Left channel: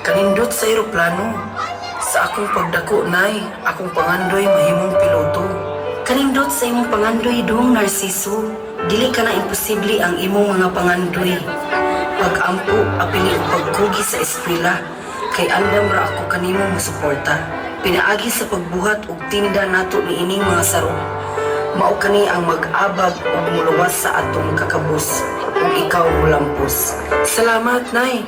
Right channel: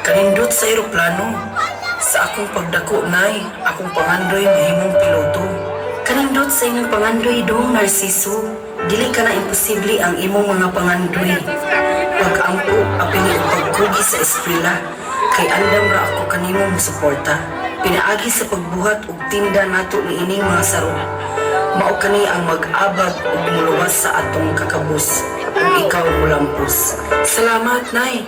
Kanindot sa eroplano. Sa akong pagdako, nay, akong pangandoy mahimong piloto. Kanindot sa imong pangandoy dong, Narciso. Dili ka na imposible ang imong mga pangandoy. Pag-ampo, apili o pagkugi sa eskwela. Kay andam ra ako kanimong musuporta. Pinaagi sa pagbuhat ug tinda nato ni ining mga sarong. Mao kani ang mag-abag ug muluwas sa atong kakabus. Kung ikaw mulampos. Salamat, nay.